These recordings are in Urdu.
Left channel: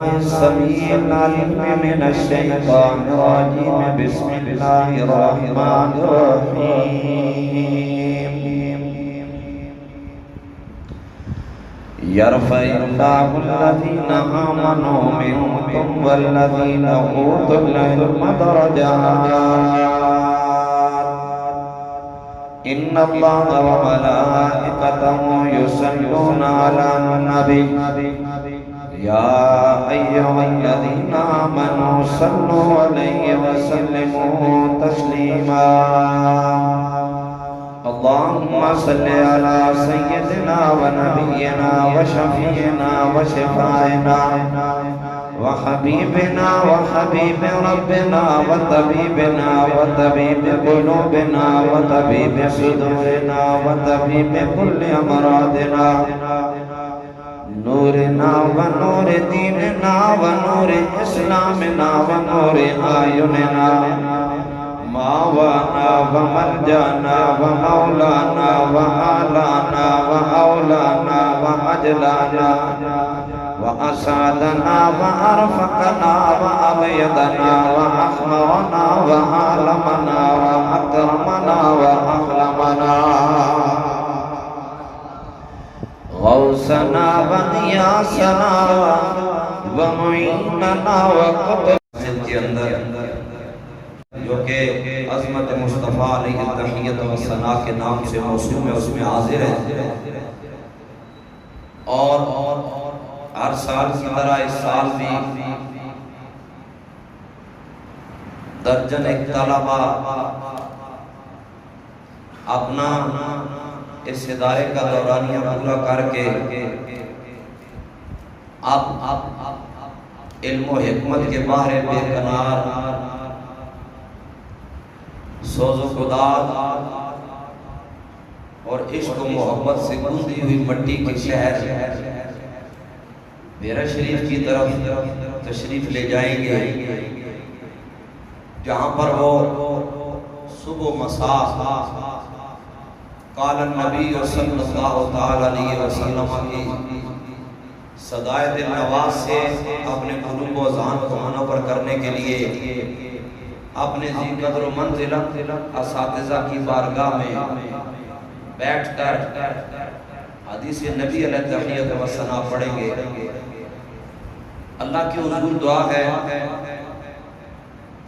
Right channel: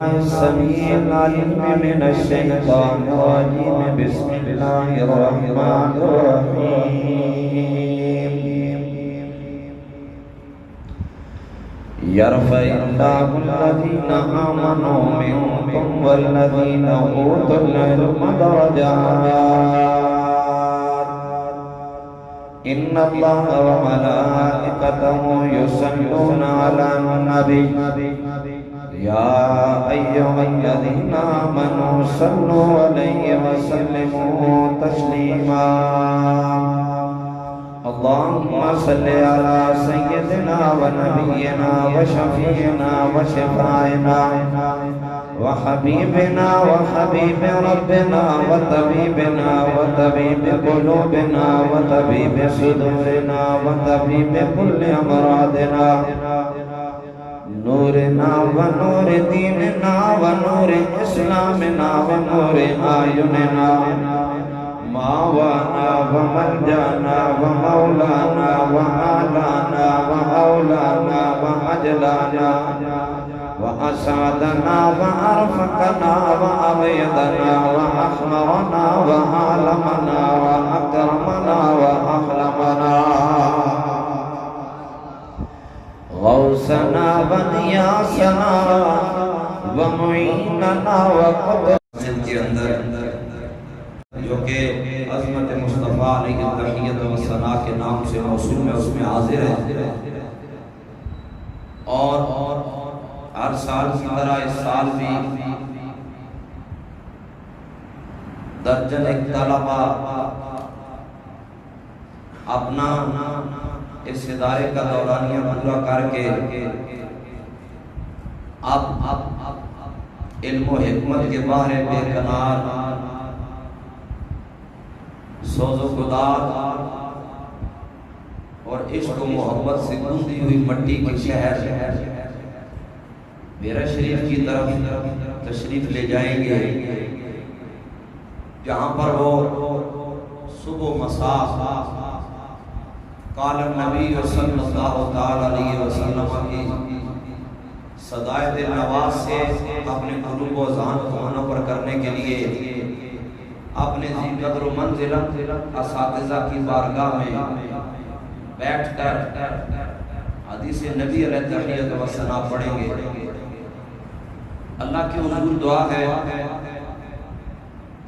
السميع العليم من الشيطان الرجيم بسم الله الرحمن الرحيم يرفع الله الذين آمنوا منكم والذين أوتوا العلم درجات إن الله وملائكته يصلون على النبي يا أيها الذين آمنوا صلوا عليه وسلموا تسليما اللهم صل على سيدنا ونبينا وشفيعنا وشفاعنا وحبيبنا وحبيب ربنا وطبيبنا وطبيب قلوبنا وطبيب صدورنا وطبيب كل أمراضنا نورنا ونور دیننا ونور اسلامنا ونور آیوننا ماوانا وملجانا ومولانا وآلانا وأولانا وأجلانا وأسعدنا وأرفقنا وأغيدنا وأخمرنا وعالمنا وأكرمنا وأخلمنا غوثنا وغیاثنا ومعیننا وقبر کے اندر جو کہ عظمت مصطفیٰ علیہ التحیت و ثنا کے نام سے موسوم ہے، اس میں حاضر ہے اور ہر سال کی طرح اس سال بھی درجن طلبہ اپنا اس ادارے کا دورانیہ پورا کر کے اب علم و حکمت کے باہر بے کنار سوز و گداز اور عشق و محبت سے گونجی ہوئی مٹی کے شہر میرا شریف کی طرف تشریف لے جائیں گے، جہاں پر وہ صبح و مساء قال النبی صلی اللہ علیہ وسلم کی صدائے دل نواز سے اپنے قلوب و ذہن کو منور کرنے کے لیے اپنے ذی قدر و منزلت اساتذہ کی بارگاہ میں بیٹھ کر حدیث نبی علیہ التحیت و ثنا پڑھیں گے۔ اللہ کی حضور دعا ہے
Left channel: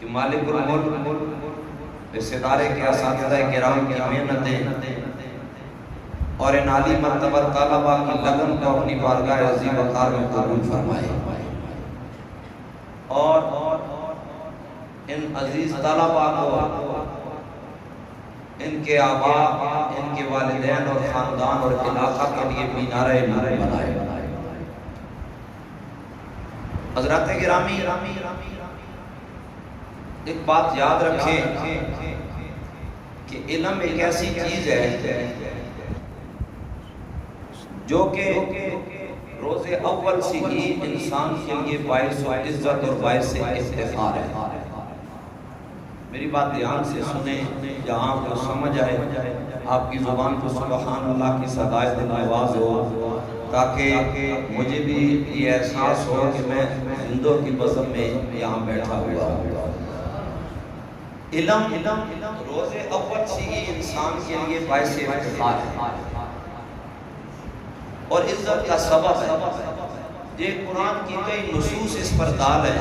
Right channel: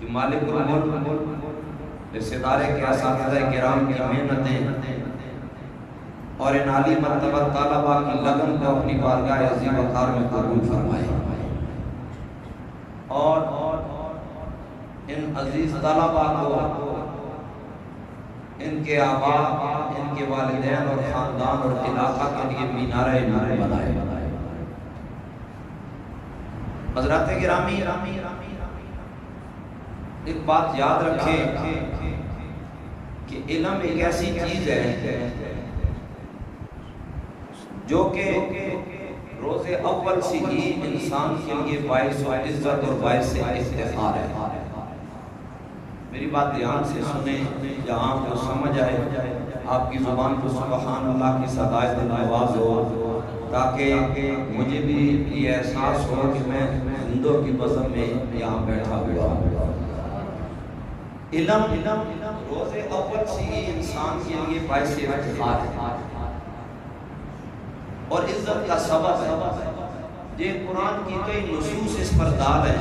کہ مالک الملک اس ادارے کے اساتذہ کرام کی محنتیں اور ان عالی مرتبہ طلبہ کی لگن کو اپنی بارگاہ عظیم وقار میں قبول فرمائے اور ان عزیز طلبہ کو ان کے آباء، ان کے والدین اور خاندان اور علاقہ کے لیے مینار نور بنائے۔ حضرات گرامی، ایک بات یاد رکھیں کہ علم ایک ایسی چیز ہے جو کہ روز اول سے ہی انسان کے لیے باعث و عزت اور باعث افتخار ہے۔ میری بات دھیان سے سنیں، یہاں کو سمجھ آئے، آپ کی زبان کو سبحان اللہ کی صدائے دل نواز ہو، تاکہ مجھے بھی یہ احساس ہو کہ میں ہندو کی بزم میں یہاں بیٹھا ہوا ہوں۔ علم روز اول سے ہی انسان کے لیے باعث افتخار ہے اور عزت کا سبب ہے۔ یہ قرآن کی کئی نصوص اس پر دال ہے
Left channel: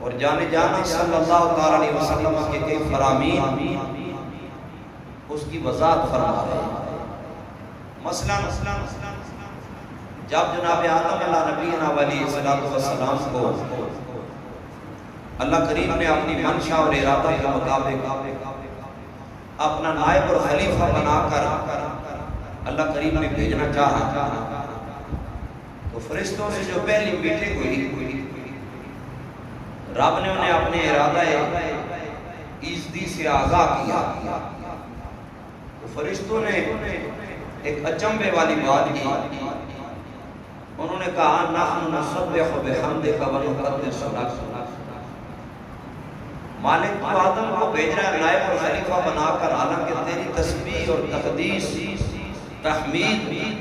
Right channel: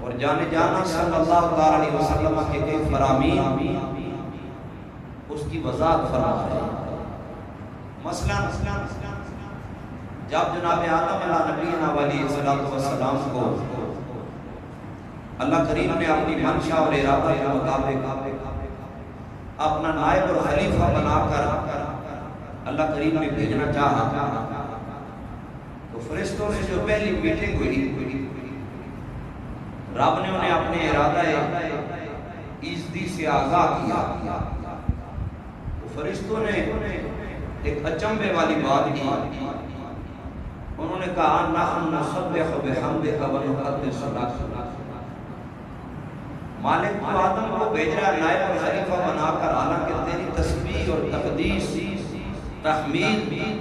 اور جانے جانا صلی اللہ علیہ وسلم کے کئی فرامین اس کی وضاحت فرما ہے۔ مثلا جب جناب آدم علیہ نبینا علیہ السلام کو اللہ کریم نے اپنی منشا اور ارادہ کے مطابق اپنا نائب اور خلیفہ بنا کر اللہ کریم نے بھیجنا چاہا تو فرشتوں سے جو پہلی میٹنگ ہوئی، رب نے انہیں اپنے ارادہ ایزدی سے آگاہ کیا تو فرشتوں نے ایک اچنبے والی بات کی، انہوں نے کہا نحن نسبح بحمدک ونقدس لک۔ مالک تو آدم کو بھیج رہا ہے نائب اور خلیفہ بنا کر، حالانکہ تیری تسبیح اور تقدیس تحمید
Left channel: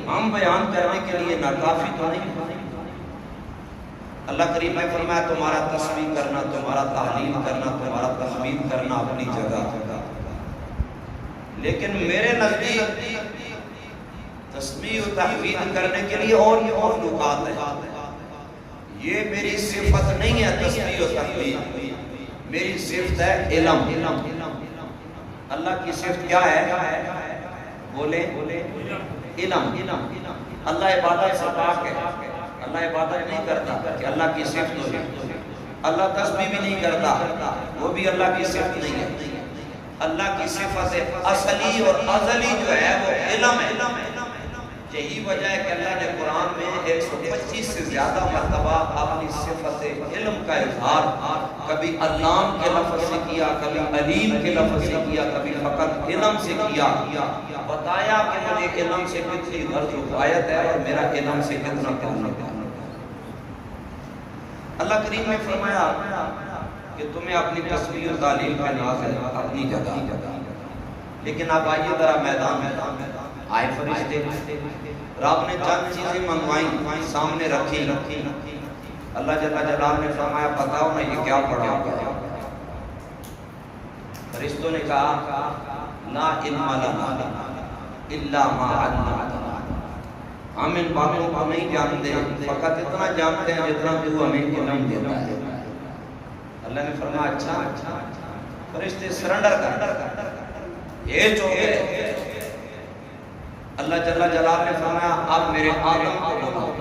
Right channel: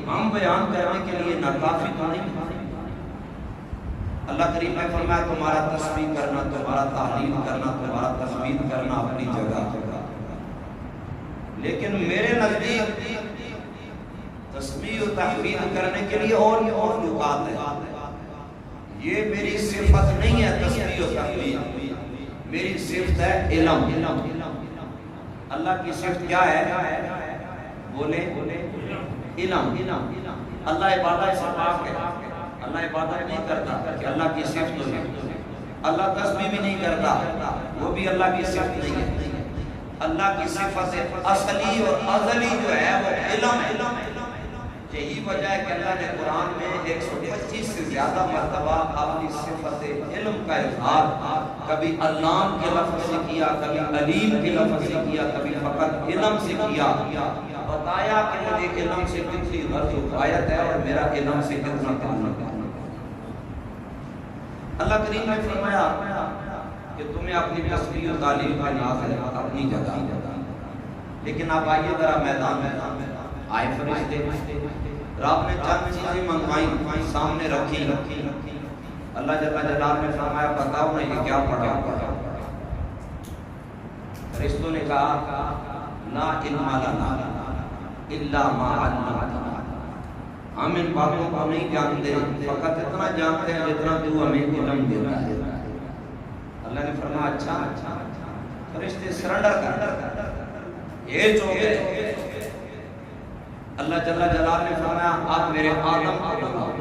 ہم بیان کرنے کے لیے ناکافی تو نہیں، اللہ کریم نے فرمایا تمہارا تسبیح کرنا، تمہارا تحلیل کرنا، تمہارا تحمید کرنا اپنی جگہ، لیکن میرے نزدیک تسبیح و تحمید کرنے کے لیے اور مخلوقات ہیں. یہ میری صفت نہیں ہے تسبیح و تحمید، میری صفت ہے علم. اللہ کی صفت کیا ہے؟ بولے علم. اللہ عبادت سے پاک ہے، اللہ عبادت نہیں کرتا کہ اللہ کی صفت ہو جائے. اللہ تسبیح بھی نہیں کرتا، وہ بھی اللہ کی صفت نہیں ہے. اللہ کی صفت اصلی اور ازلی جو ہے وہ علم ہے. یہی وجہ ہے کہ اللہ نے قرآن میں 125 سے زیادہ مرتبہ اپنی صفت علم کا اظہار کبھی علام کے لفظ سے کیا، کبھی علیم کے لفظ سے کیا، کبھی فقط علم سے کیا. بتایا کہ مجھے علم سے کتنی غرض و غایت ہے اور میرا علم سے کتنا تعلق ہے. اللہ کریم نے فرمایا کہ تمہیں اپنی تسبیح و تعلیم کا ناز ہے اپنی جگہ. لیکن اب آئیے ذرا میدان آئے فرشتے، رب نے چند چیزیں منگوائی، سامنے رکھی. اللہ جل جلالہ نے فرمایا بتاؤ میں یہ کیا پڑھا ہوا. فرشتوں نے کہا لا علم لنا الا ما علمتنا، ہم ان باتوں کو نہیں جانتے، فقط اتنا جانتے ہیں جتنا تو ہمیں علم دیتا ہے. اللہ نے فرمایا اچھا. فرشتے سرنڈر کر یہ جو گئے. اللہ جل جلالہ نے فرمایا اب میرے آدم کو بلاؤ.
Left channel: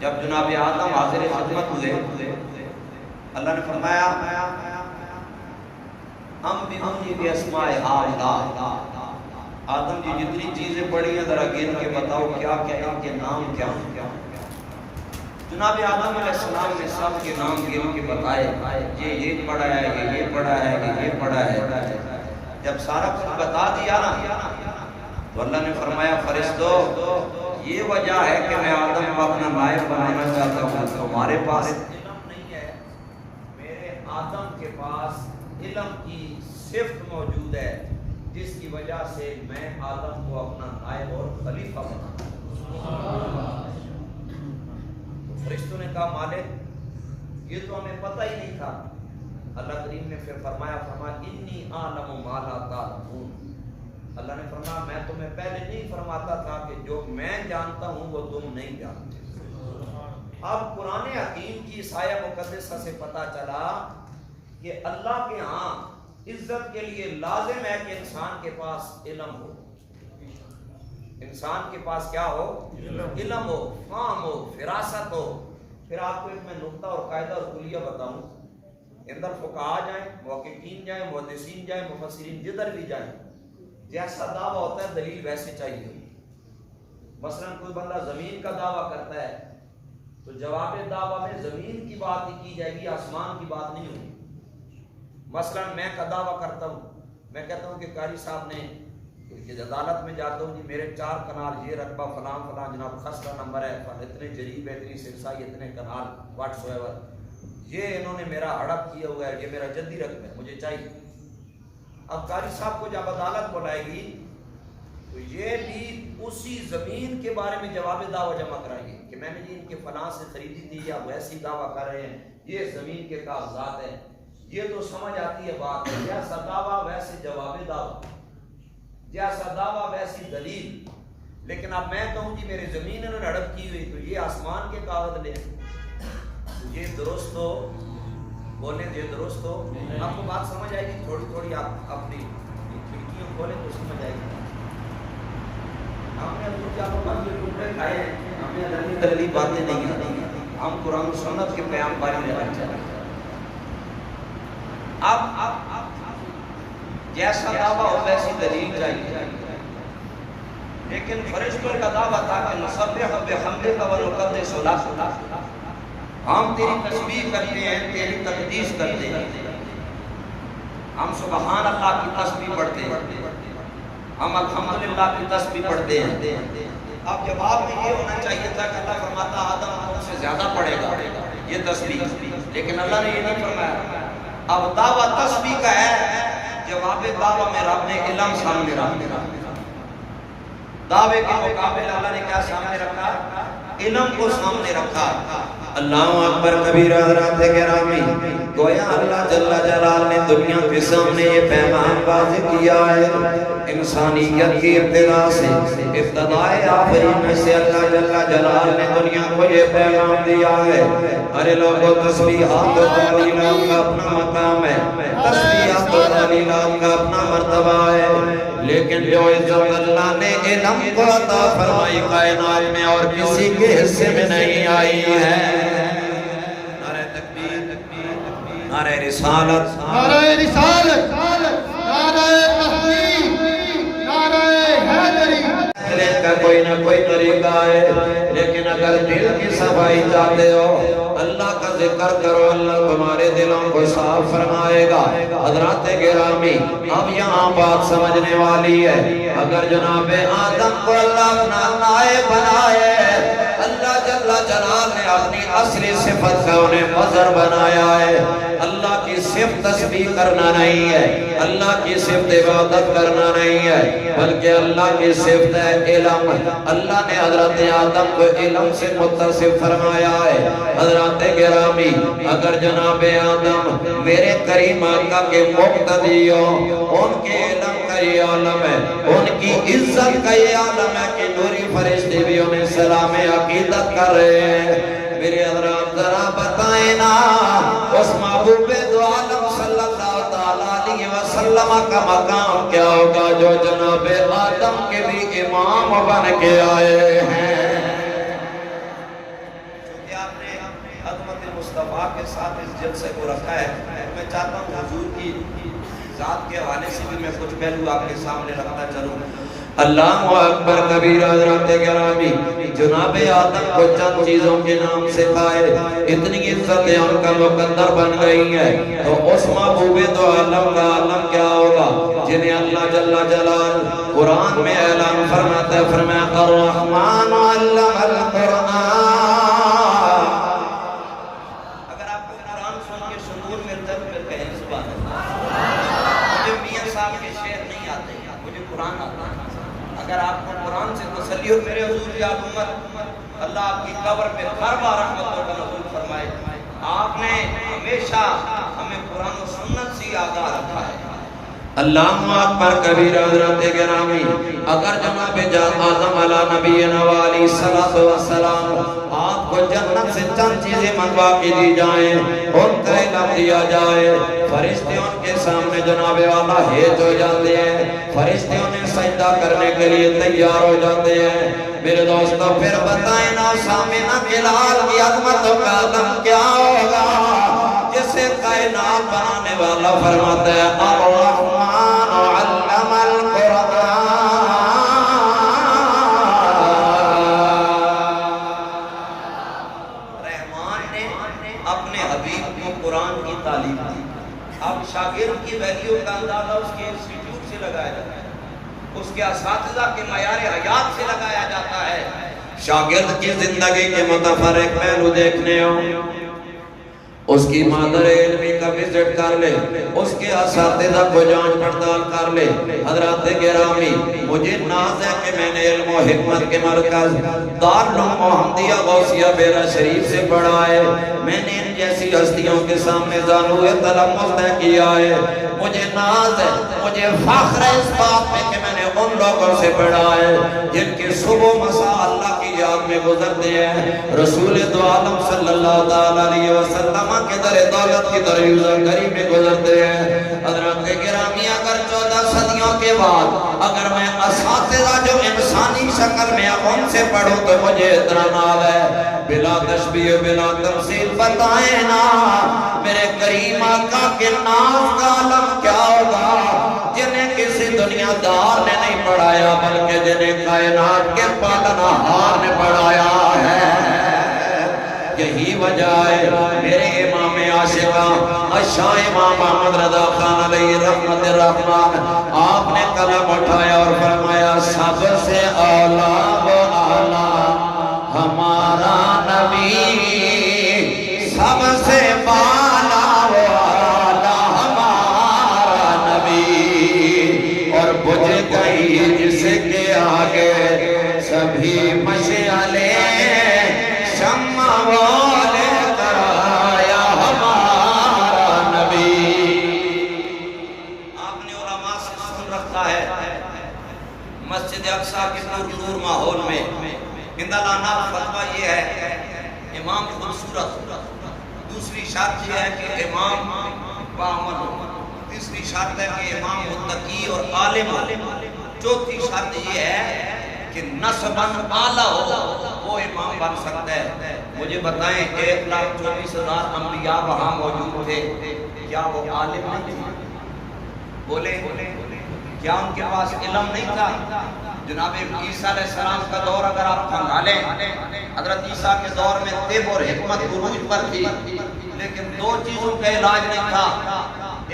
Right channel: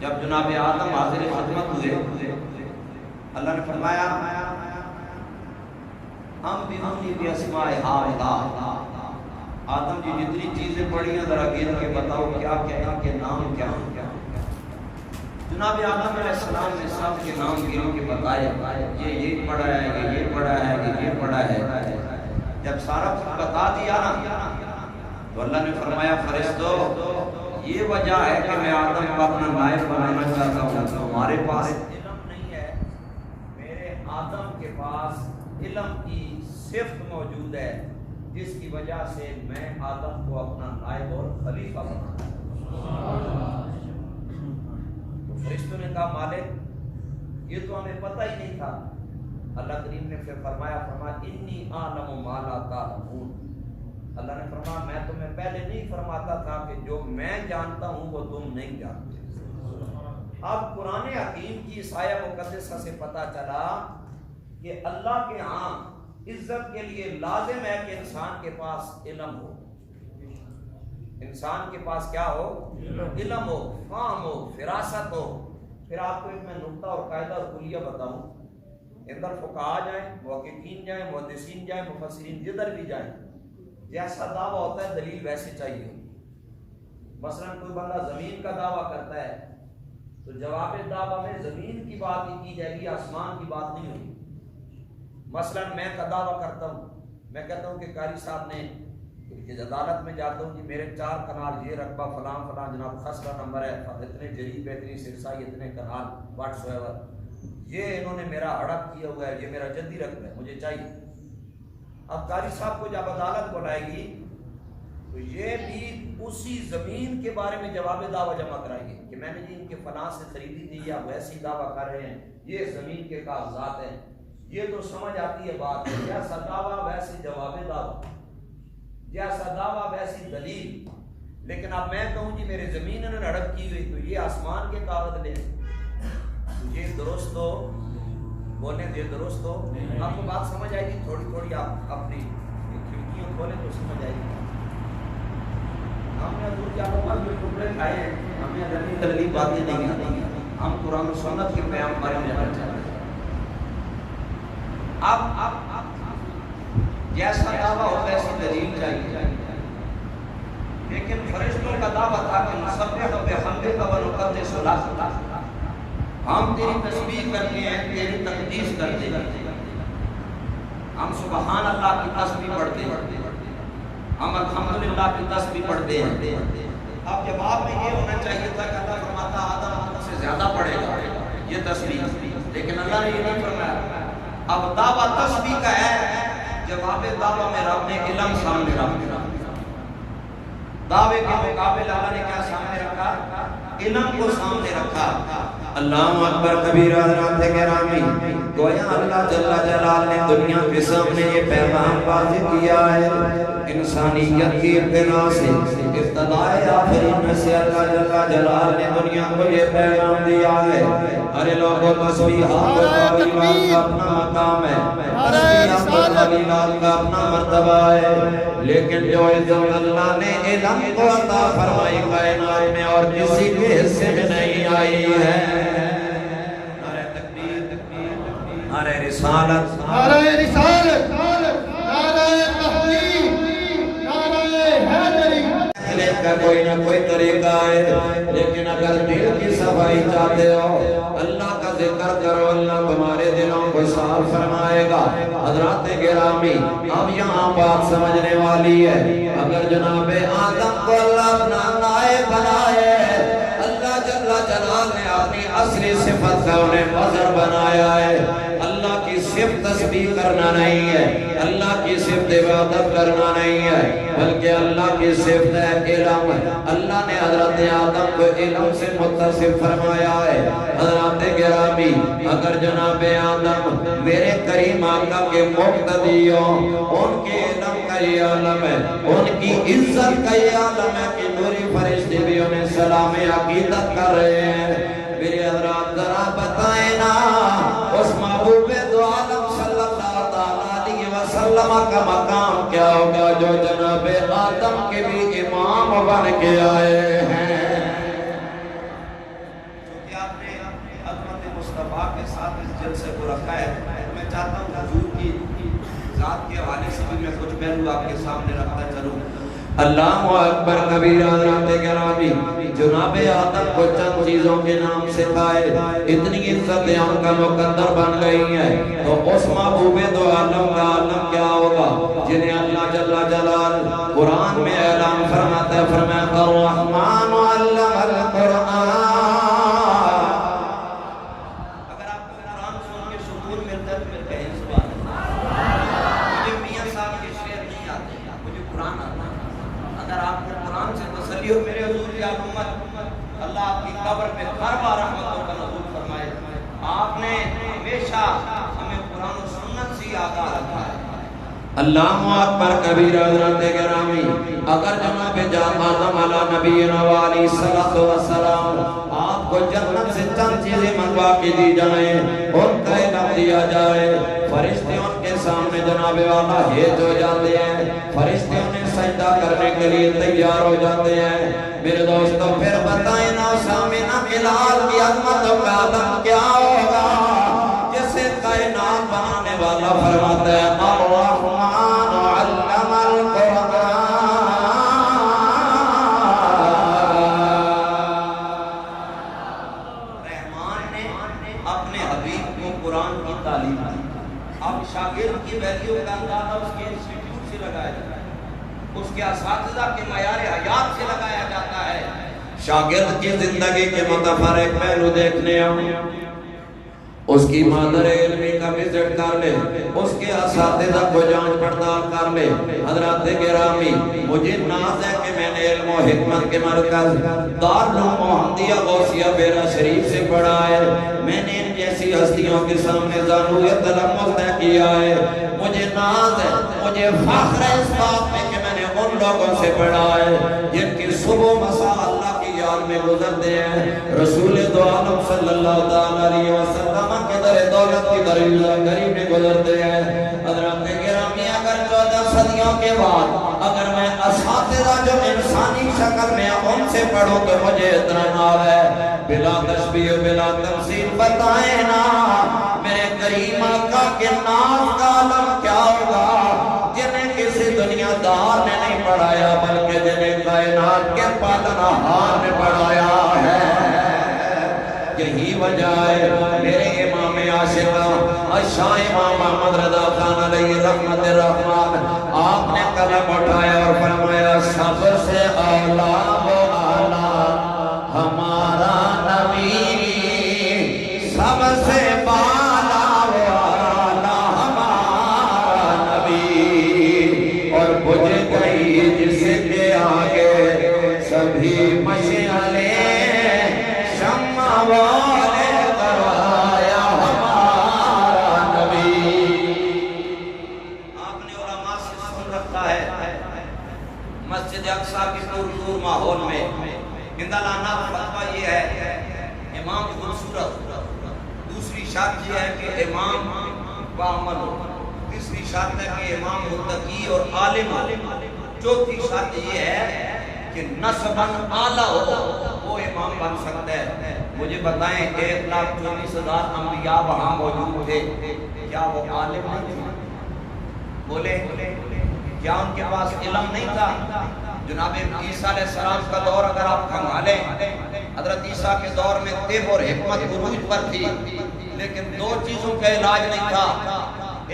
جب جناب آدم حاضر خدمت ہوئے، اللہ نے فرمایا ہم بھی اسماء ہؤلاء، آدم کی جتنی چیزیں پڑھی ہیں ذرا گن کے بتاؤ کیا کیا ان کے نام کیا ہیں. جناب آدم علیہ السلام کے سب کے نام گن کے بتائے، یہ پڑھا ہے، یہ پڑھا ہے، یہ پڑھا ہے. جب سارا کچھ بتا دیا نا تو اللہ نے فرمایا فرشتو یہ وجہ ہے کہ میں آدم کو اپنا نائب بنانا چاہتا ہوں. تمہارے پاس علم نہیں ہے، میرے آدم کے پاس علم کی صفت موجود ہے جس کی وجہ سے میں آدم کو اپنا نائب اور خلیفہ بنانا. تو فرشتوں نے کہا مالک یہ تو ہمیں پتہ ہی نہیں تھا. اللہ کریم نے پھر فرمایا انی اعلم ما لا تعلمون. اللہ نے فرمایا میں تمہیں پہلے نہیں فرماتا تھا کہ جو میں جانتا ہوں وہ تم نہیں جانتے. اب قرآن حکیم کی سایہ مقدسہ سے پتہ چلا کہ اللہ کے ہاں عزت کے لیے لازم ہے کہ انسان کے پاس علم ہو. انسان کے پاس کیا ہو؟ علم ہو، فہم ہو، فراست ہو. پھر آپ کو ایک میں نقطہ اور قاعدہ اور کلیہ بتاؤں. اندر فقہاء جائیں، محققین جائیں، محدثین جائیں، مفسرین جدھر بھی جائیں، جیسا دعویٰ ہوتا ہے دلیل ویسے چاہیے. مثلا کوئی بندہ زمین کا دعویٰ کرتا ہے تو جواب دعویٰ میں زمین کی بات ہی کی جائے گی، آسمان کی بات نہیں ہوگی. مثلا میں کا دعویٰ کرتا ہوں، میں کہتا ہوں کہ قاری صاحب نے کہ عدالت میں جاتا ہوں جی میرے 4 کنال یہ رقبہ فلاں فلاں جناب خسرہ نمبر ہے، اتنے جریب ہے، اتنی سرسائی، اتنے کنال واٹس ایور، یہ انہوں نے میرا ہڑپ کیا ہوا ہے، یہ میرا جدی رقبہ ہے، مجھے چاہیے. اب قاری صاحب کو جب عدالت بلائے گی تو یہ بھی اسی زمین کے بارے میں جواب دعویٰ جمع کرائیں گے کہ میں نے جی ان کے فلاں سے خریدی تھی یا ویسی دعویٰ کر رہے ہیں، یہ زمین کے کاغذات ہیں. یہ تو سمجھ آتی ہے بات، جیسا دعویٰ ویسے جواب دعویٰ، جیسا دعویٰ ویسی دلیل. لیکن اب میں کہوں جی میرے زمین انہوں نے ہڑپ کی ہوئی تو یہ آسمان کے کاغذ لیں، یہ درست ہو؟ بولیں یہ درست ہو؟ آپ کو بات سمجھ آئے گی تھوڑی تھوڑی. آپ اپنی کھڑکیوں کھولیں تو سمجھ آئے گی. ہم نے حضور کے آقا کے ٹکڑے کھائے ہیں، ہمیں الگ دلیل باتیں نہیں آتی، ہم قرآن و سنت کے قیام بارے میں رہنا چاہتے ہیں. اب جیسا دعویٰ ہو ویسی دلیل چاہیے. لیکن فرشتوں کا دعویٰ تھا کہ نسبح بحمدک ونقدس لک، ہم تیری تسبیح کرتے ہیں، تیری تقدیس کرتے ہیں، ہم سبحان اللہ کی تسبیح پڑھتے ہیں، ہم الحمدللہ کی تسبیح پڑھتے ہیں. اب جواب میں یہ ہونا چاہیے تھا کہ اللہ فرماتا آدم ہم سے زیادہ پڑھے گا یہ تسبیح، لیکن اللہ نے یہ نہیں فرمایا. اب دعویٰ تسبیح کا ہے، جواب دعویٰ میں رب نے علم سامنے رکھا. دعوے کے مقابل اللہ نے کیا سامنے رکھا؟ علم کو سامنے رکھا. اللہ اکبر کبیرہ حضرات گرامی. گویا اللہ جل جلال نے دنیا کے سامنے یہ پیغام واضح کیا ہے. انسانیت کی ابتدا سے ابتدائے آخری میں سے اللہ جل جلال نے دنیا کو یہ پیغام دیا ہے. ارے لوگوں تسبیحات و تعلیلات کا اپنا مقام ہے, تسبیحات و تعلیلات کا اپنا مرتبہ ہے, لیکن جو عزت اللہ نے علم کو عطا فرمائی کائنات میں اور کسی کے حصے میں نہیں آئی ہے. نعرہ تکبیر, نعرہ رسالت, نعرہ رسالت, نعرہ تحقیق, نعرہ حیدری. کا کوئی نہ کوئی طریقہ ہے, لیکن اگر دل کی صفائی چاہتے ہو اللہ کا ذکر کرو, اللہ تمہارے دلوں کو صاف فرمائے گا. حضرات گرامی, اب یہاں بات سمجھنے والی ہے. اگر جناب آدم کو اللہ اپنا نائب بنائے, اللہ جل جلال نے اپنی اصلی صفت کا انہیں مظہر بنایا ہے. اللہ کی صرف تسبیح کرنا نہیں ہے, اللہ کی صرف عبادت کرنا نہیں ہے, بلکہ اللہ کی صفت ہے علم. اللہ نے حضرت آدم کو علم سے متصف فرمایا ہے. حضرات گرامی, اگر جناب آدم میرے کریم آقا کے مقتدی ہوں, ان کے علم کا یہ عالم ہے, ان کی عزت کا یہ عالم ہے کہ نوری فرشتے بھی انہیں سلام عقیدت کر رہے ہیں. میرے حضرات ذرا بتائیں نا, اس محبوب دو عالم صلی اللہ علیہ وسلم کا مقام کیا ہوگا جو جناب آدم کے بھی امام بن کے آئے ہیں. چونکہ آپ نے عظمت مصطفیٰ کے ساتھ اس جلسے کو رکھا ہے, میں چاہتا ہوں حضور کی ذات کے حوالے سے بھی میں کچھ پہلو آپ کے سامنے رکھتا چلوں. اللہ اکبر کبیرہ حضرات گرامی, جناب آدم کو چند چیزوں کے نام سکھائے, اتنی عزت ان کا مقدر بن گئی ہے. تو اس محبوب دو عالم کا عالم کیا ہوگا جنہیں اللہ جل جلال قرآن میں اعلان فرماتا ہے, فرمایا الرحمن علم القرآن. اگر آپ کو قرآن سن کے سکون ملتا ہے پھر کہیں سبحان اللہ. مجھے میاں صاحب کے شعر نہیں آتے, مجھے قرآن آتا ہے. اگر آپ کو قرآن سے تسلی ہو, میرے حضور یاد امت, اللہ آپ کی قبر پہ ہر بار رحمتوں کا نزول فرمائے. آپ نے ہمیشہ ہمیں قرآن و سنت سے آگاہ رکھا ہے. اللہ اکبر کبیرہ حضرات گرامی, اگر جناب آدم علیہ نبینا علیہ الصلوۃ والسلام آپ کو جنت سے چند چیزیں منگوا کے دی جائیں, ان کا علم دیا جائے, فرشتے ان کے سامنے جناب والا ہیج ہو جاتے ہیں, فرشتے انہیں سجدہ کرنے کے لیے تیار ہو جاتے ہیں. میرے دوستوں پھر بتائیں نا, سامنے بلال کی عظمت کا عالم کیا ہوگا جسے کائنات بنانے والا فرماتا ہے الرحمن علم القرآن. رحمان نے اپنے حبیب کو قرآن کی تعلیم دی. اب شاگرد کی ویلیو کا اندازہ اس کے انسٹیٹیوٹ سے لگایا جاتا ہے, اس کے اساتذہ کے معیار حیات سے لگایا جاتا ہے. شاگرد کی زندگی کے متفرق پہلو دیکھنے ہوں, اس کی مادر علمی کا وزٹ کر لے, اس کے اساتذہ کو جانچ پڑتال کر لے. حضرات گرامی, مجھے ناز ہے کہ میں نے علم و حکمت کے مرکز دارالعلوم محمدیہ غوثیہ بیرا شریف سے پڑھا ہے. میں نے ان جیسی ہستیوں کے سامنے زانوئے تلمس طے کیا ہے. مجھے ناز ہے, مجھے فخر ہے اس بات پہ کہ میں نے ان لوگوں سے پڑھا ہے جن کی صبح مساء اللہ کی یاد میں گزرتے ہیں, رسول دو عالم صلی اللہ علیہ وسلم کے در دولت کی در غریب میں گزرتے ہیں. حضرات گرامی, اگر 14 صدیوں کے بعد اگر میں اساتذہ جو انسانی شکل میں ان سے پڑھوں تو مجھے اتنا نال ہے, بلا تشبیہ بلا تمثیل. بتائیں نا میرے کریم آقا کے نام کا عالم کیا ہوگا جنہیں کسی دنیا دار نے نہیں پڑھایا بلکہ جنہیں کائنات کے پالنہار نے پڑھایا ہے. یہی وجہ ہے میرے امام عاشقاں شاہ امام محمد رضا خان علیہ رحمت الرحمن, آپ نے قلم اٹھایا اور فرمایا سب سے اعلیٰ و اعلیٰ ہمارا نبی, سب سے بالا و اعلیٰ ہمارا نبی, اور بجھ گئی جس کے آگے سبھی مشعلیں صورت، دوسری شرط یہ ہے کہ امام باعمل ہو، تیسری شرط ہے کہ امام متقی اور عالم ہو، چوتھی شرط یہ ہے کہ نسباً اعلیٰ ہو، وہ امام بن سکتا ہے۔ مجھے بتائیں 1,24,000 انبیاء وہاں موجود تھے، کیا وہ عالم نہیں تھے؟ بولے کیا ان کے پاس علم نہیں تھا؟ جناب عیسیٰ علیہ السلام کا دور اگر آپ کھنگالیں، حضرت عیسیٰ کے دور میں طب اور حکمت عروج پر تھی، لیکن دو چیزوں کا علاج نہیں تھا،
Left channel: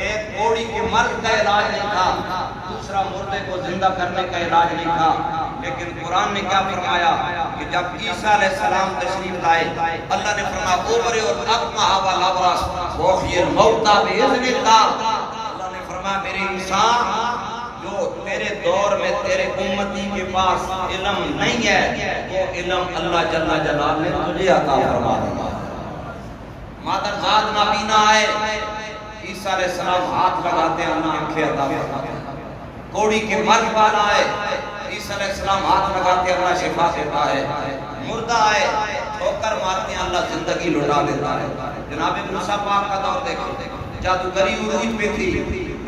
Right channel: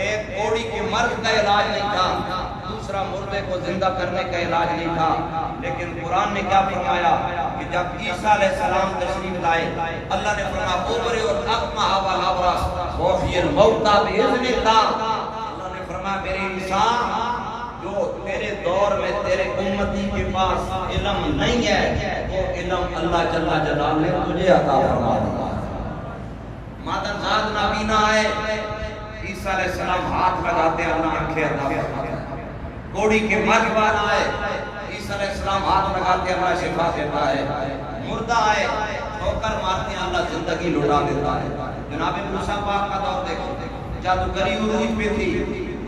ایک کوڑی کے مرض کا علاج نہیں تھا، دوسرا مردے کو زندہ کرنے کا علاج نہیں تھا۔ لیکن قرآن نے کیا فرمایا کہ جب عیسیٰ علیہ السلام تشریف لائے، اللہ نے فرمایا اوبر الاکمہ والابرص وحی الموتى باذن اللہ۔ اللہ نے فرمایا میرے انسان جو تیرے دور میں تیرے امتی کے پاس علم نہیں ہے، وہ علم اللہ جل جلالہ نے تجھے عطا فرما دیا۔ مادر زاد نابینا آئے، عیسیٰ علیہ السلام ہاتھ لگاتے اللہ آنکھیں عطا فرماتے۔ کوڑی کے مرد بار آئے، عیسیٰ علیہ السلام ہاتھ لگاتے اللہ شفا دیتا ہے۔ مردہ آئے، ٹھوکر مارتے اللہ زندگی لوٹا دیتا ہے۔ جناب موسیٰ پاک کا دور دیکھو، جادوگری عروج پہ تھی،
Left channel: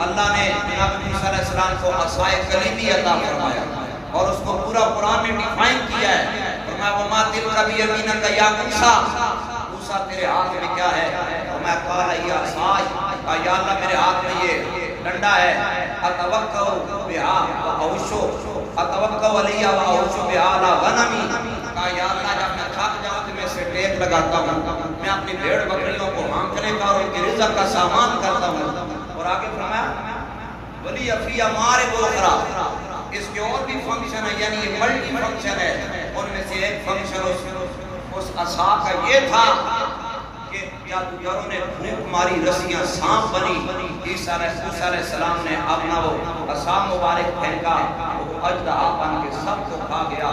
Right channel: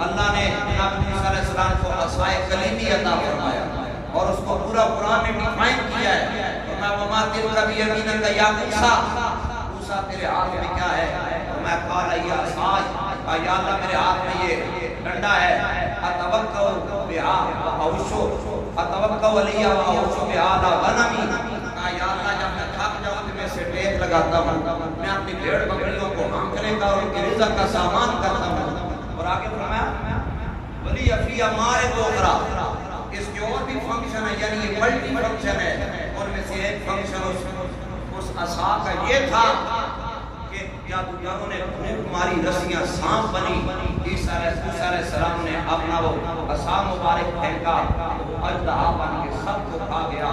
اللہ نے جناب موسیٰ علیہ السلام کو عصائے کلیمی عطا فرمایا اور اس کو پورا قرآن نے ڈیفائن کیا ہے۔ فرمایا وما تلک بیمینک یا موسیٰ، موسیٰ تیرے ہاتھ میں کیا ہے؟ فرمایا قال ہی عصای، یا اللہ میرے ہاتھ میں یہ ڈنڈا ہے، اتوکل بہا واحوشو، اتوکل علیہ واحوشو بہا علی غنمی، کہا یا اللہ جب میں تھک جاؤں تو میں اسے ٹیک لگاتا ہوں، میں اپنی بھیڑ بکریوں کو ہانکنے کا اور ان کی رزق کا سامان کرتا ہوں۔ اور آگے فرمایا ولی فی مارب اخری، اس کے اور بھی فنکشن ہے، یعنی یہ ملٹی فنکشن ہے۔ ان میں سے ایک فنکشن اس عصا کا یہ تھا کہ جادوگروں نے پھونک ماری، رسیاں سانپ بنی، عیسیٰ علیہ السلام نے اپنا وہ عصا مبارک پھینکا، وہ اژدہا بن کے سب کو کھا گیا۔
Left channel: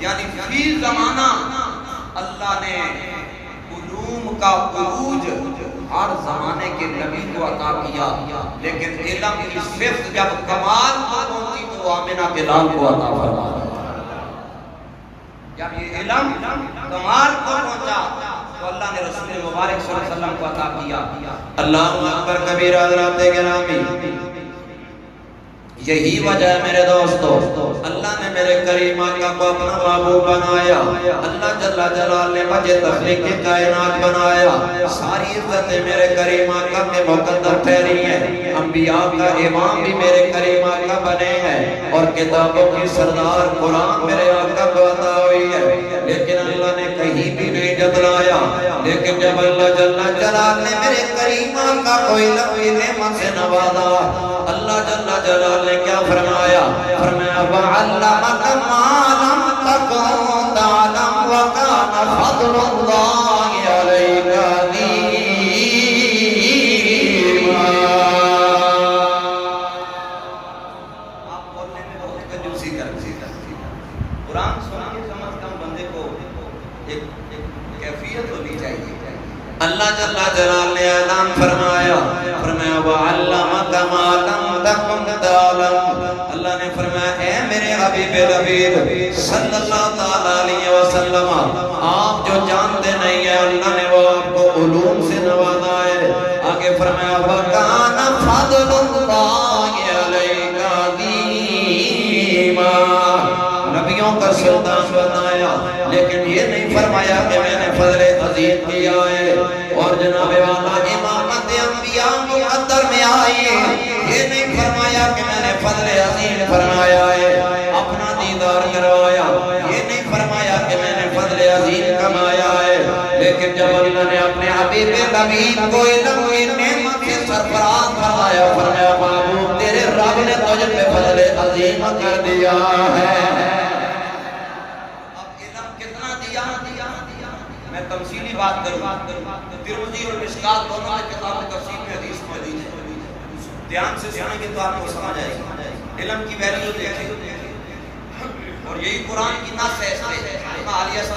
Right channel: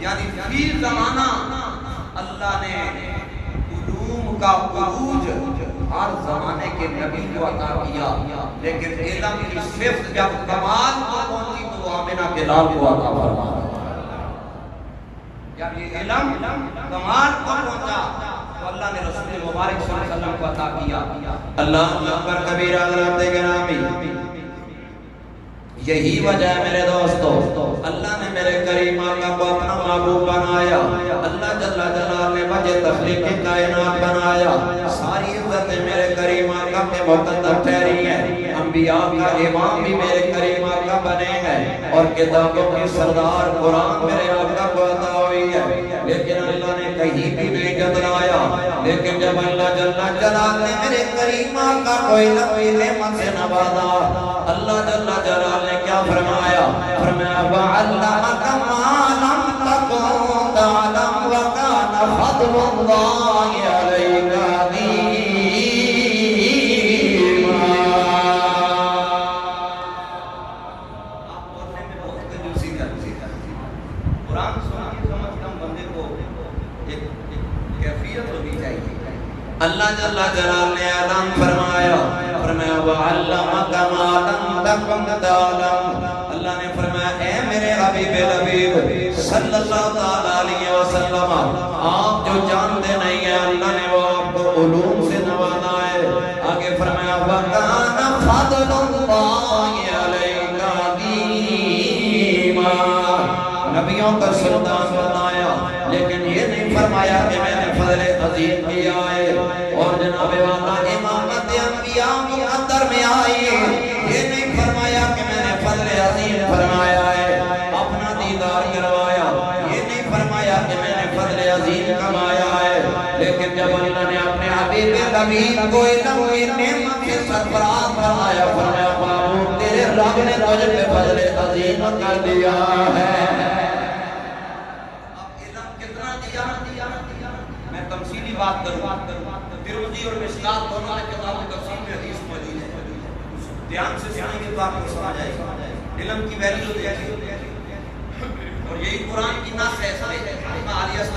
یعنی فی زمانہ اللہ نے علوم کا عروج ہر زمانے کے نبی کو عطا کیا، لیکن علم کی صفت جب کمال کو پہنچی تو آمنہ بلال کو عطا فرمایا۔ جب یہ علم کمال کو پہنچا تو اللہ نے رسول مبارک صلی اللہ علیہ وسلم کو عطا کیا۔ اللہ اکبر کبیرہ حضرات گرامی، یہی وجہ ہے میرے دوستو، اللہ نے میرے کریم آقا کو اپنا محبوب بنایا، اللہ جل جلالہ نے وجہ تخلیق کائنات بنایا، ساری عزتیں میرے کریم آقا میں مقدر ٹھہری ہیں، انبیاء کا امام بھی میرے کریم آقا بنے ہیں، اور کتابوں کی سردار قرآن میرے آقا کو عطا ہوئی ہے، لیکن اللہ نے کہیں بھی نہیں جتلایا۔ لیکن جب اللہ جل جلالہ نے میرے کریم آقا کو علم نعمت سے نوازا، اللہ جل جلالہ نے کیا فرمایا؟ فرمایا وَعَلَّمَكَ مَا لَمْ تَكُن تَعْلَمُ وَكَانَ فَضْلُ اللَّهِ عَلَيْكَ عَظِيمًا۔ آپ بولنے میں بہت کنجوسی کرتے ہیں، قرآن سننے کم از کم بندے کو ایک کیفیت ہونی چاہیے۔ اللہ جل جلالہ نے اعلان فرمایا، فرمایا وَعَلَّمَكَ مَا لَمْ تَكُن تَعْلَمُ، اللہ نے فرمایا اے میرے حبیب لبیب صلی اللہ علیہ وسلم، آپ جو جانتے نہیں ہیں اللہ نے وہ آپ کو علوم سے نوازا ہے۔ آگے فرمایا وَكَانَ فَضْلُ اللَّهِ عَلَيْكَ عَظِيمًا، نبیوں کا سلطان بنایا، لیکن یہ نہیں فرمایا کہ میں نے فضل عظیم دیا ہے اور جناب والا امامت انبیاء مقدر میں آئی، یہ نہیں فرمایا کہ میں نے فضل عظیم فرمایا ہے اپنا دیدار کروایا، یہ نہیں فرمایا کہ میں نے فضل عظیم کمایا ہے، لیکن جب اللہ نے اپنے حبیب لبیب کو علم کی نعمت سے سرفراز بنایا، فرمایا بابو تیرے رب نے تجھ پہ فضل عظیم کر دیا ہے۔ اب علم کتنا دیا؟ میں تمثیلی بات کروں، ترمذی اور مشکات دونوں نے کتاب تفسیر میں حدیث موجود ہے، دھیان سے سنیں گے تو آپ کو سمجھ آئے گا۔ علم کی ویلیو دیکھیں، اور یہی قرآن کی نص ہے،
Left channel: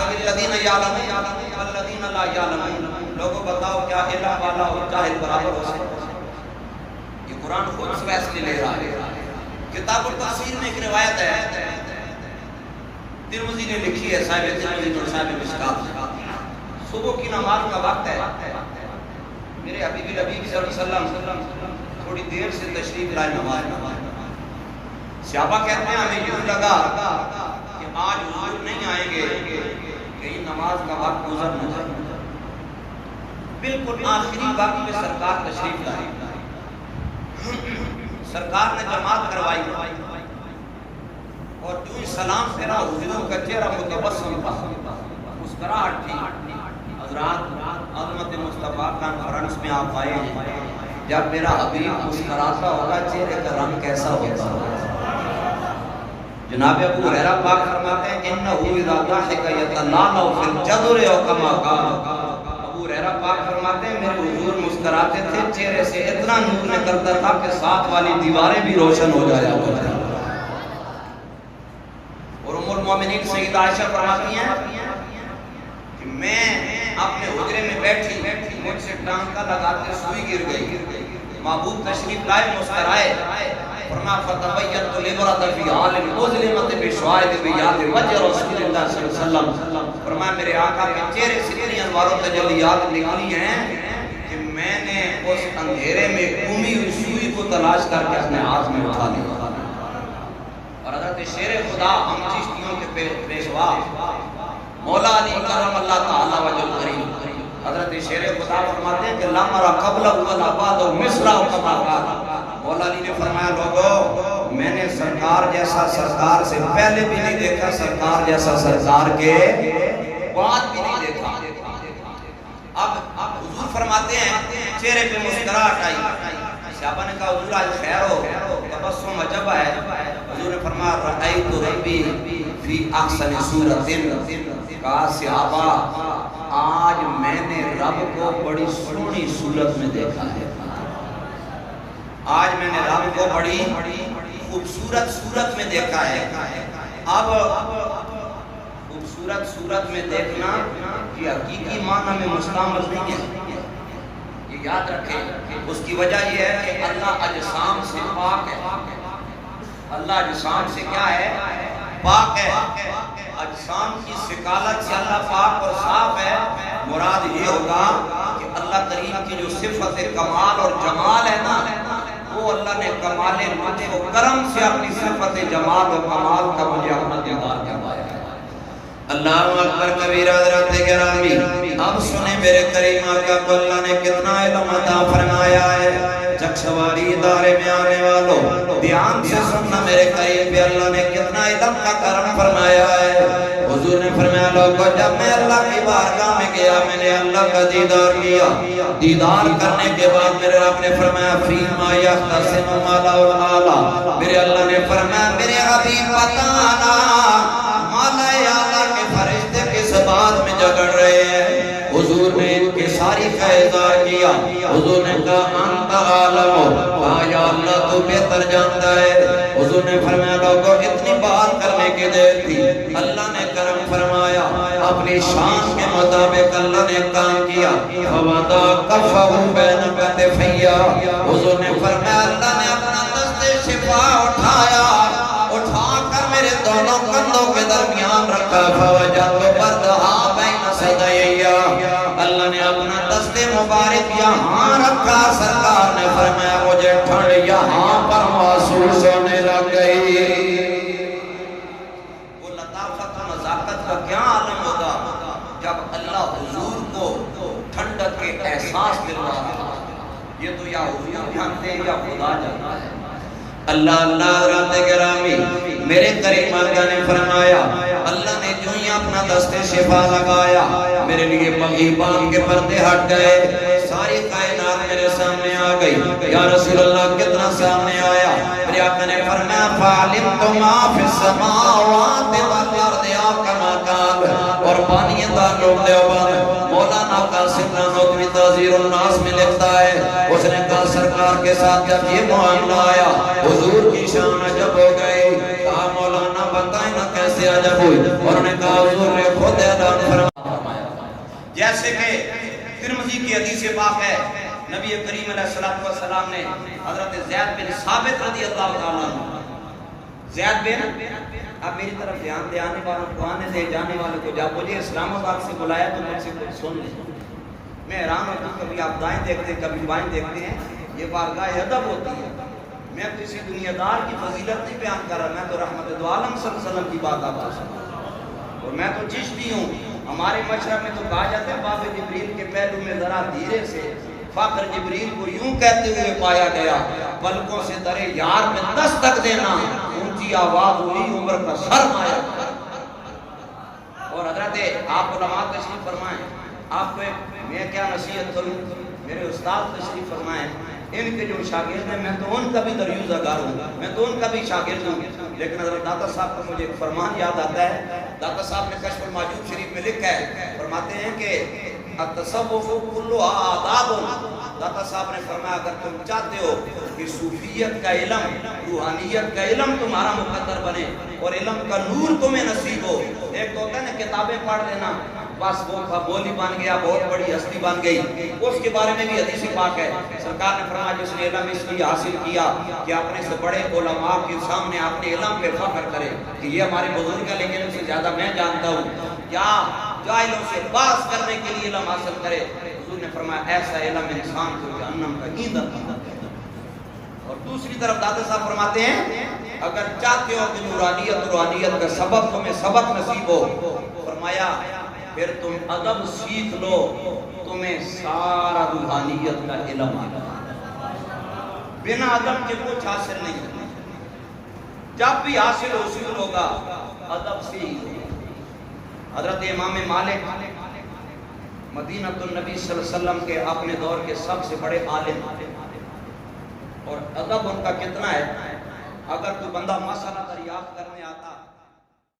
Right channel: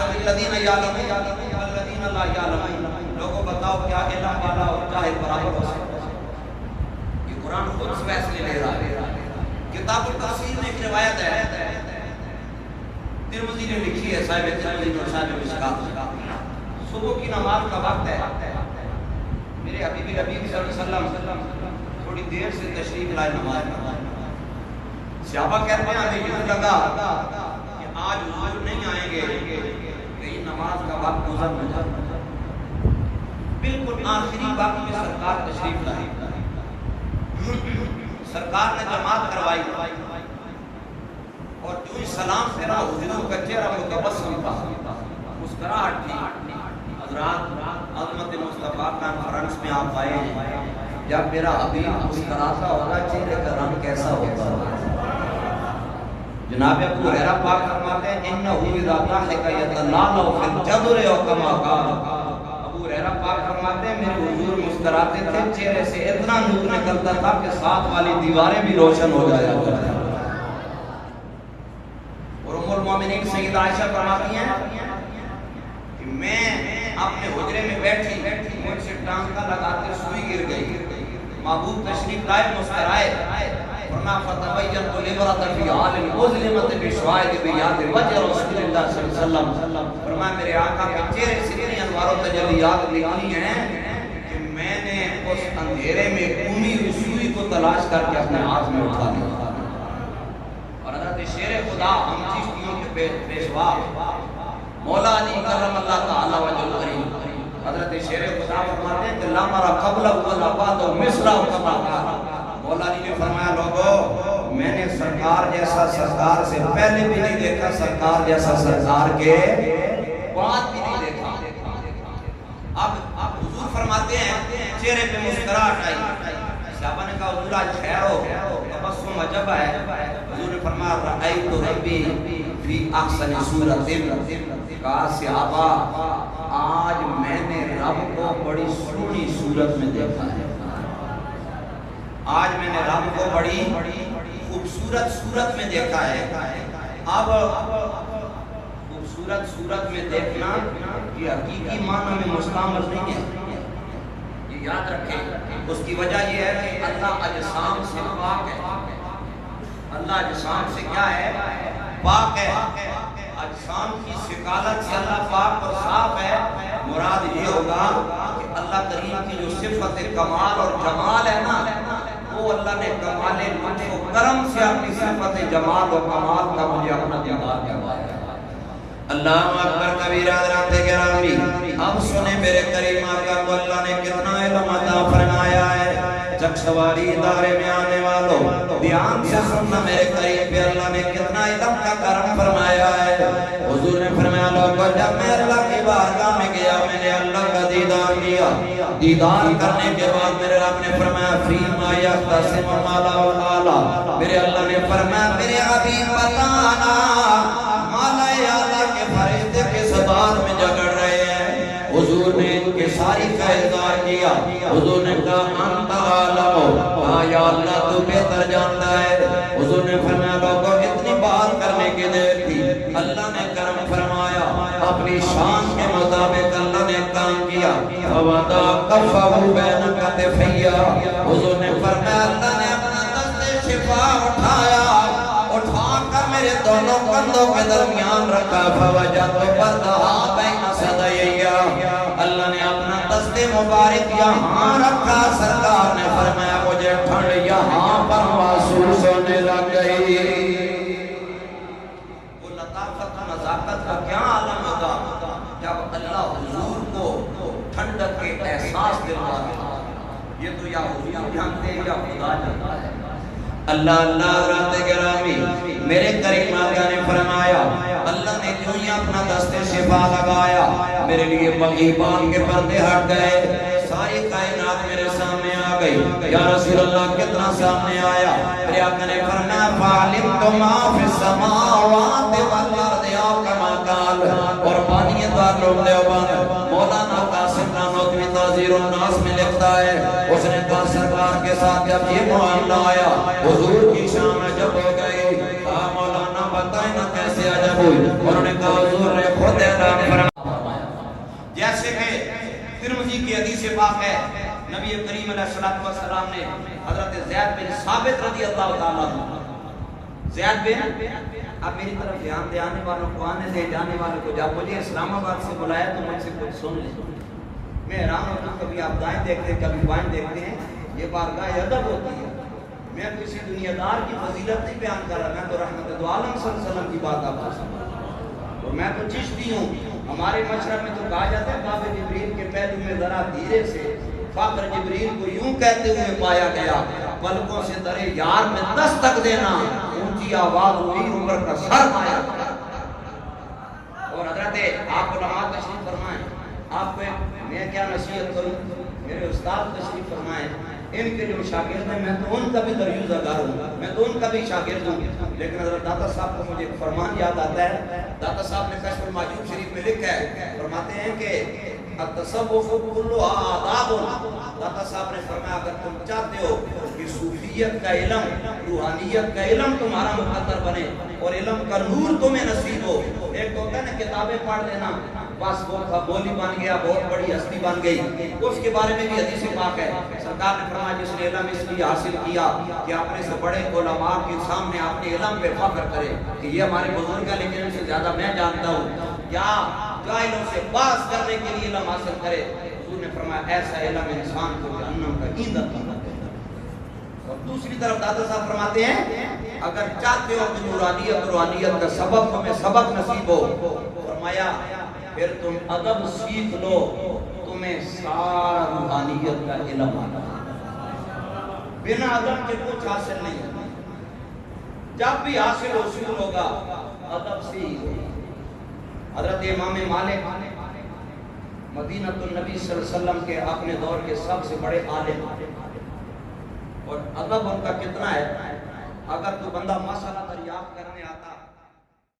الذین یعلمون والذین لا یعلمون، لوگوں بتاؤ کیا علم والا اور جاہل برابر ہو سکتا ہے؟ یہ قرآن خود فیصلے لے رہا ہے۔ کتاب التفسیر میں ایک روایت ہے، ترمذی نے لکھی ہے، صاحب ترمذی اور صاحب مشکات، صبح کی نماز کا وقت ہے، میرے حبیب صلی اللہ علیہ وسلم تھوڑی دیر سے تشریف لائے نماز میں۔ صحابہ کہتے ہیں ہمیں یوں لگا کہ آج حضور نہیں آئیں گے، کہیں نماز کا وقت گزر نہ جائے۔ بالکل آخری وقت میں سرکار تشریف لائے، سرکار نے جماعت کروائی اور جو ہی سلام پھیرا حضور کا چہرہ متبسم تھا، مسکراہٹ تھی۔ حضرات عظمت مصطفیٰ کانفرنس میں آپ آئے ہیں، جب میرا حبیب مسکراتا ہوگا چہرے کا رنگ کیسا ہوتا ہوگا؟ جناب ابو ہریرہ پاک فرماتے ہیں انه اذا ضحك يتلالى في الجدر او كما قال۔ ابو ہریرہ پاک فرماتے ہیں میرے حضور مسکراتے تھے، چہرے سے اتنا نور نکلتا تھا کہ ساتھ والی دیواریں بھی روشن ہو جایا کرتی۔ اور ام المومنین سیدہ عائشہ فرماتی ہیں کہ میں اپنے حجرے میں بیٹھی، مجھ سے ٹانکا لگاتے سوئی گر گئی، محبوب تشریف لائے، مسکرائے، فرمایا فتبینت للمرأة فی حال مظلمۃ بشواہد بیاد وجہ رسول اللہ صلی اللہ علیہ وسلم۔ فرمایا میرے آقا کے چہرے سے اتنی انوار و تجلیات نکلی ہیں کہ میں نے اس اندھیرے میں گمی ہوئی سوئی کو تلاش کر کے اپنے ہاتھ میں اٹھا لیا۔ اور حضرت شیر خدا ہم چشتیوں کے پیشوا مولا علی کرم اللہ تعالی وجہ الکریم، حضرت شیر خدا فرماتے ہیں کہ لا نرى قبلہ ولا بعدہ مثلہ کما قال۔ مولا علی نے فرمایا لوگو میں نے سرکار جیسا سرکار سے پہلے بھی نہیں دیکھا، سرکار جیسا سرکار کے بعد بھی نہیں دیکھا۔ اب حضور فرماتے ہیں چہرے پہ مسکراہٹ آئی، صحابہ نے کہا حضور آج خیر ہو، تبسم عجب ہے۔ حضور نے فرمایا رأیت ربی فی احسن صورت، کہا صحابہ آج میں نے رب کو بڑی سونی صورت میں دیکھا ہے، آج میں نے رب کو بڑی خوبصورت صورت میں دیکھا ہے۔ اب خوبصورت صورت میں دیکھنا یہ حقیقی معنی میں مستعمل نہیں ہے، یہ یاد رکھیں۔ اس کی وجہ یہ ہے کہ اللہ اجسام سے پاک ہے، اللہ اجسام سے کیا ہے؟ پاک ہے۔ اجسام کی سکالت سے اللہ پاک اور صاف ہے۔ مراد یہ ہوگا کہ اللہ کریم کی جو صفت کمال اور جمال ہے نا، وہ اللہ نے کمال لطف و کرم سے اپنی صفت جمال و کمال کا مجھے اپنا دیدار کروایا ہے۔ اللہ اکبر کبیرہ حضرات گرامی، اب سنیں میرے کریم آقا کو اللہ نے کتنا علم عطا فرمایا ہے۔ جگ سواری ادارے میں آنے والوں دھیان سے سننا میرے کریم پہ اللہ نے کتنا علم کا کرم فرمایا ہے۔ حضور نے فرمایا لوگوں جب میں اللہ کی بارگاہ میں گیا میں نے اللہ کا دیدار کیا، دیدار کرنے کے بعد میرے رب نے فرمایا فیما یختصم مالا والا، میرے اللہ نے فرمایا میرے حبیب بتانا مالا اعلیٰ کے فرشتے کس بات میں جھگڑ رہے ہیں۔ حضور نے ان کی ساری کا اظہار کیا، حضور نے کہا انت عالم، کہا یا اللہ تو بہتر جانتا ہے۔ حضور نے فرمایا لوگوں اتنی بات کرنے کی دیر تھی، اللہ نے کرم فرمایا، اپنی شان کے مطابق اللہ نے کام کیا۔ فوضا کفہ بین کتفیہ، حضور نے فرمایا اللہ نے اپنا دست شفا اٹھایا، اٹھا کر میرے دونوں کندھوں کے درمیان رکھا۔ فوجدت بردہا بین صدیہ، اللہ نے اپنا دست مبارک یہاں رکھا، سرکار نے فرمایا مجھے ٹھنڈ یہاں پر محسوس ہونے لگ گئی۔ وہ لطافت و نزاکت کا کیا عالم ہوگا جب اللہ حضور کو ٹھنڈک کے احساس دلواتا ہے۔ یہ تو یا حضور جانتے ہیں یا خدا جانتا ہے۔ اللہ اللہ حضرات گرامی میرے کریم آقا نے فرمایا اللہ نے جو ہی اپنا دست شفا لگایا میرے لیے مغیبان کے پردے ہٹ گئے، ساری کائنات میرے سامنے آ گئی۔ یا رسول اللہ کتنا سامنے آیا؟ میرے آقا نے فرمایا فَعَلِمْتُ مَا فِي السَّمَاوَاتِ وَالْأَرْضِ كَمَا قَالَ، اور بانی دارالعلوم دیوبند مولانا قاسم نانوتوی تعزیر الناس میں لکھتا ہے، اس نے کہا سرکار کے ساتھ جب یہ معاملہ آیا حضور کی شان عجب ہو گئی۔ کہا مولانا بتائیں نا کیسے عجب ہوئی؟ انہوں نے کہا حضور نے خود اعلان فرمایا، جیسے کہ ترمذی کی حدیث پاک ہے نبی کریم علیہ السلام نے حضرت زید بن ثابت رضی اللہ تعالیٰ عنہ زیاد بن اب میری طرف دھیان دے آنے والوں کو آنے دے، جانے والوں کو جا، مجھے اسلام آباد سے بلایا تو مجھ سے کچھ سن لیں۔ میں حیران ہوتا ہوں، کبھی آپ دائیں دیکھتے ہیں کبھی بائیں دیکھتے ہیں، یہ بارگاہ ادب ہوتی ہے۔ میں کسی دنیا دار کی فضیلت نہیں بیان کر رہا، میں تو رحمت دو عالم صلی اللہ علیہ وسلم کی بات آپ کو سنا رہا ہوں۔ اور میں تو چشتی ہوں، ہمارے مشرق میں تو کہا جاتا ہے باب جبریل کے پہلو میں ذرا دھیرے سے فخر جبریل کو یوں کہتے ہوئے پایا گیا، پلکوں سے درے یار میں دستک دینا، اونچی آواز ہوئی عمر کا سر آیا۔ اور حضرت آپ علماء تشریف فرمائیں، آپ کو میں کیا نصیحت کروں، میرے استاد تشریف فرمائیں، ان کے جو شاگرد ہیں میں تو ان کا بھی دریوزہ گار ہوں، میں تو ان کا بھی شاگرد ہوں، لیکن حضرت داتا صاحب کو مجھے ایک فرمان یاد آتا ہے۔ داتا صاحب نے کشف المعجوب شریف میں لکھا ہے، فرماتے ہیں کہ التصوف کلھا آداب۔ داتا صاحب نے فرمایا اگر تم چاہتے ہو کہ صوفیت کا علم، روحانیت کا علم تمہارا مقدر بنے اور علم کا نور تمہیں نصیب ہو، ایک تو ہوتا ہے نا کتابیں پڑھ لینا، بس وہ بولی بن گیا، بہت بڑی ہستی بن گئی، اس کے بارے میں بھی حدیث پاک ہے۔ سرکار نے فرمایا جس نے علم اس لیے حاصل کیا کہ اپنے سے بڑے علماء کے سامنے اپنے علم کے فخر کرے کہ یہ ہمارے بزرگ ہیں لیکن ان سے زیادہ میں جانتا ہوں، یا جاہلوں سے باز کرنے کے لیے علم حاصل کرے۔ حضور نے فرمایا ایسا علم انسان کو جہنم کا ایندھن بنا دیتا ہے۔ اور دوسری طرف دادا صاحب فرماتے ہیں اگر چاہتے ہو کہ نورانیت روحانیت کا سبق تمہیں سبق نصیب ہو، فرمایا پھر تم ادب سیکھ لو، تمہیں سارا روحانیت کا علم آتا ہے۔ بنا ادب کے کچھ حاصل نہیں ہوتا، جب بھی حاصل حصول ہوگا ادب سے ہی ہوگا۔ حضرت امام مالک مدینہ النبی صلی اللہ علیہ وسلم کے اپنے دور کے سب سے بڑے عالم، اور ادب ان کا کتنا ہے، اگر کوئی بندہ مسئلہ دریافت کرنے آتا